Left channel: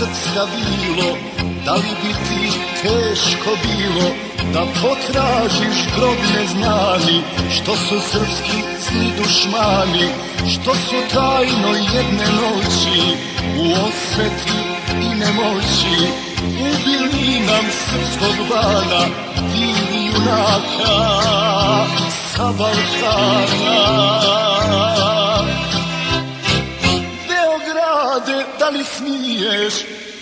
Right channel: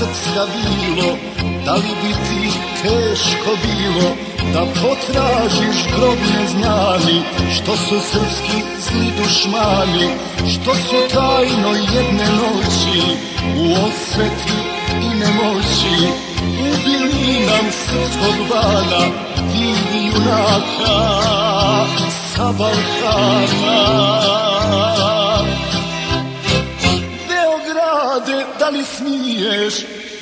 srpska bilo, da li bi ti teško bilo da potražiš grob neznani, što su srpski zli dušmani, što su tajno jedne noći u osveti i nemoći ubili nam srpskog bana, divi junaka sa Balkana. Beograde, da li smiješ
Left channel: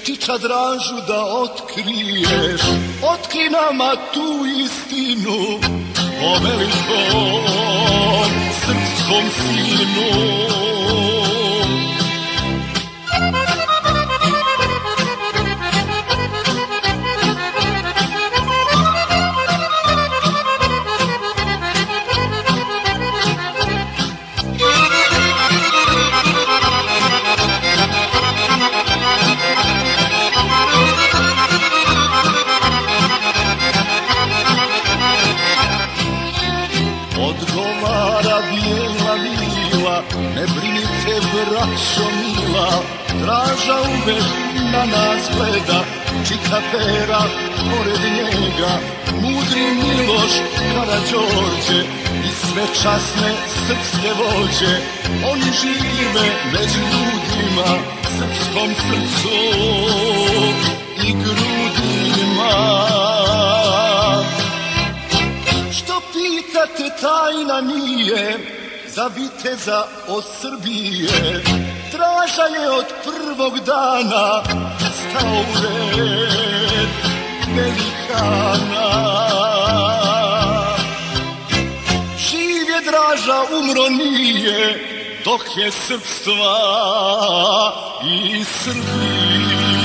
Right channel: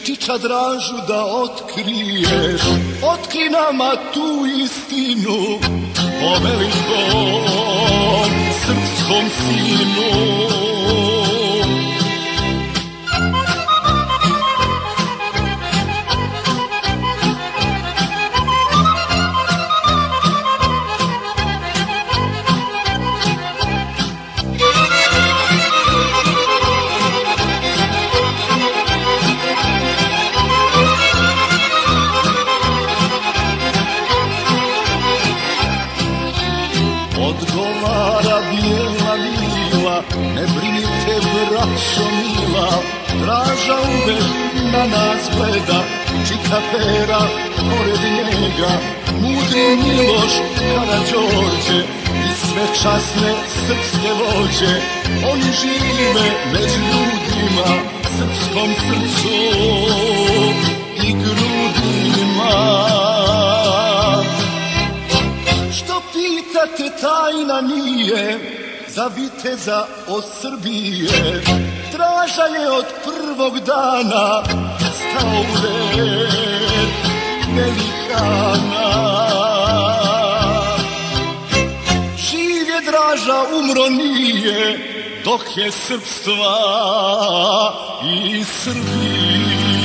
kiča dražu da otkriješ, otkri nama tu istinu o velikom srpskom sinu. Odgovara bijela mila, ne brinite braćo mila, Draža uvek na nas gleda, čika Pera pored njega, mudri Miloš, Karađorđe i sve časne srpske vođe. Oni žive među ljudima, srpskom srcu i grudima. Pitate, tajna nije za viteza od Srbije, Draža je od prvog dana stao u red velikana. Živ je Draža, umro nije, dok je srpstva i Srbije.